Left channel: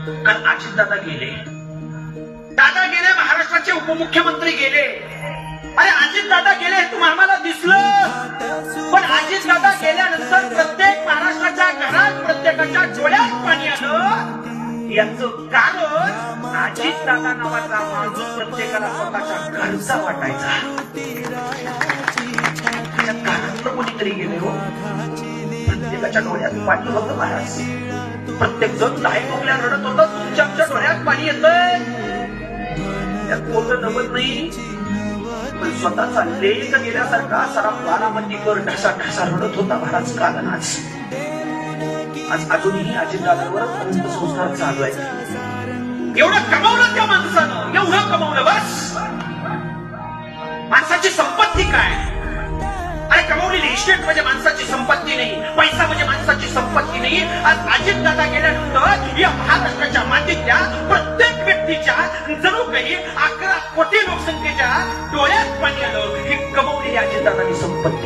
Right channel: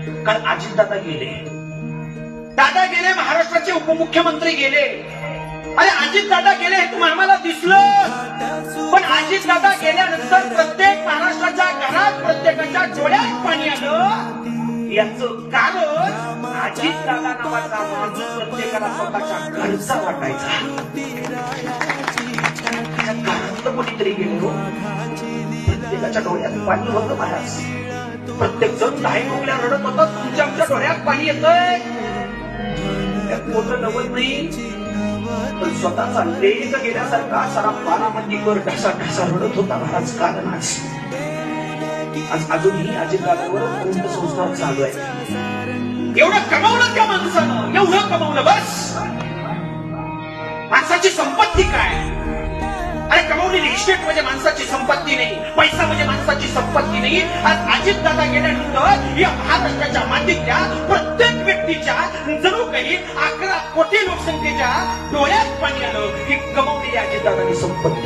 कारण अजितदादा गेले, दादा गेले, महाराष्ट्राचे उपमुख्यमंत्री गेले. अरे अजितदादा गेले हे तुम्हाला मला दिसलं, पण अजितदादा गेल्यानंतर प्रत्येक महाराष्ट्राच्या घरात प्रत्येकाच्या डोळ्यात पाणी आलं. याचं कारण अजितदादा नावाचा माणूस प्रत्येकाला स्वतःच्या घरचा वाटायचा. कारण तर कोणीतरी गेले हो, प्रत्येकाच्या डोळ्यात पाणी होतं महाराज. प्रत्येक जण काय डोळ्या रडत होता, तुमच्या आमच्या डोळ्यात पाणी येतंय. मोठं नवल नाही, पण स्वतःचा लेख गेल्यासारखा सारा बारामतीवर ढसा ढसा रडत होता महाराज. कारण आज अजूनही अजितदादावर अंत्यसंस्कार चालू आहे. एवढं कमावलं त्या माणसानं, एवढं कमावलं बस. माणसाची संपत्ती काय? अरे कमावलेली इस्टेट म्हणजे माणसाची संपत्ती नाही, पैसा म्हणजे माणसाची संपत्ती नाही. आज अजितदादा गेल्यानंतर या महाराष्ट्राच्या मातीच्या प्रत्येक व्यक्तीच्या जणू काही 11 कोटी लोकसंख्येच्या डोळ्यात पाणी आलं. ही कमावलेली अजितदादाची संपत्ती.